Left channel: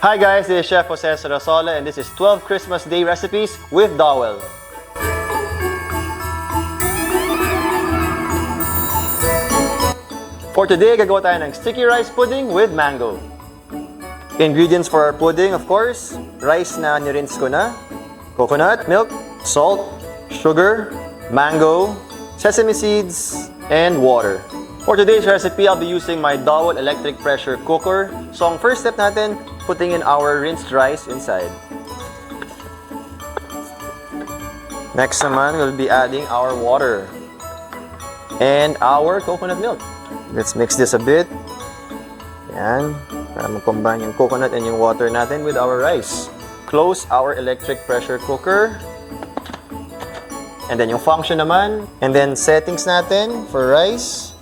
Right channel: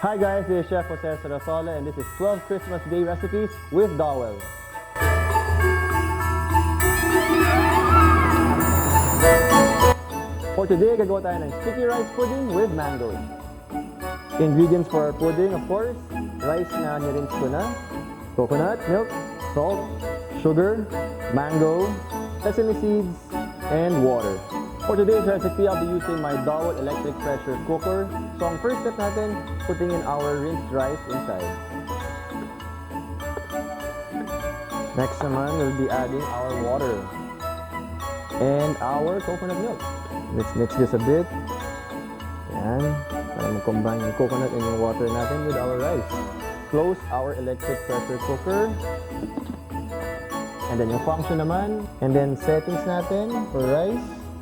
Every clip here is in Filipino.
Hi guys, this is Chef 𝙎𝙩𝙞𝙘𝙠𝙮 and this is 12 Christmas Day recipes with Dowell. For today, gagawa tayo ng sticky rice pudding with mango. Ingredients for our pudding, of course, rice na nirinse ko na, coconut milk, salt, sugar, mango, sesame seeds, and water. For today's recipe, I'll be using my Dowell Electric Pressure Cooker. So ang first step natin, putting in our rinsed rice inside. Next naman, we'll be adding our water and our coconut milk. Let's mix this a bit. Yan, para mag-combine yung coconut and yung water natin with our rice. Close our electric pressure cooker. And then yung function naman. And then settings natin for rice.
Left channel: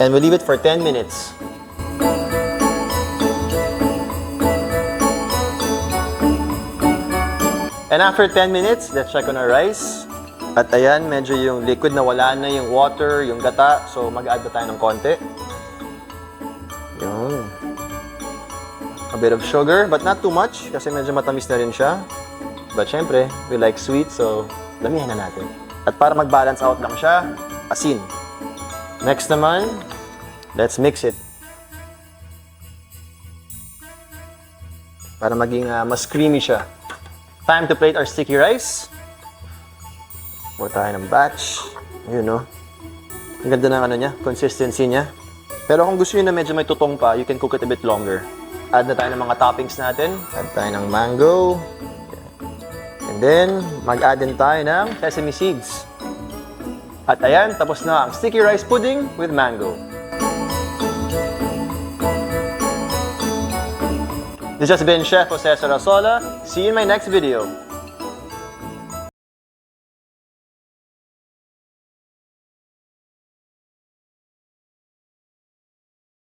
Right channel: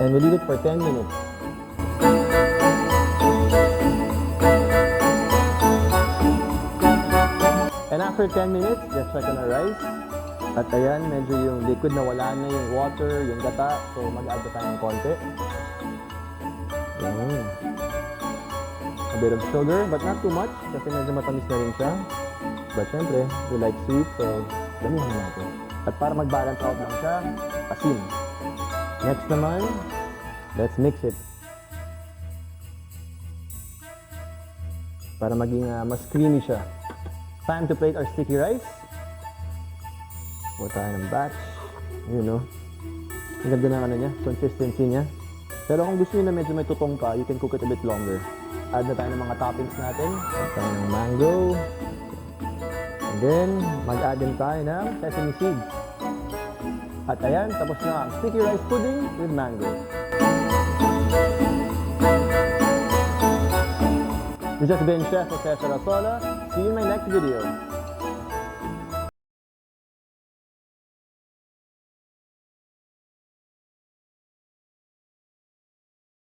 And we'll leave it for 10 minutes. And after 10 minutes, let's check on our rice. At ayan, medyo yung liquid na wala na yung water, yung gata. So mag-add na tayo ng konti. Yun. A bit of sugar, but not too much kasi medyo matamis na rin siya. But syempre, we like sweet, so damihan na natin. At para mag-balance out lang siya, asin. Next naman, let's mix it. Para maging mas creamy siya. Time to plate our sticky rice. Pour tayo ng batch. Ayun, no? Ang ganda ng ano niya, consistency niya. Pero kung gusto niyo na medyo may tutong pa, you can cook it a bit longer. Add na tayo ng mga toppings natin. Add tayo ng mango. And then, mag-add din tayo ng sesame seeds. At ayan, tapos na ang sticky rice pudding with mango. This has been Chef 𝙎𝙩𝙞𝙘𝙠𝙮. See you in my next video.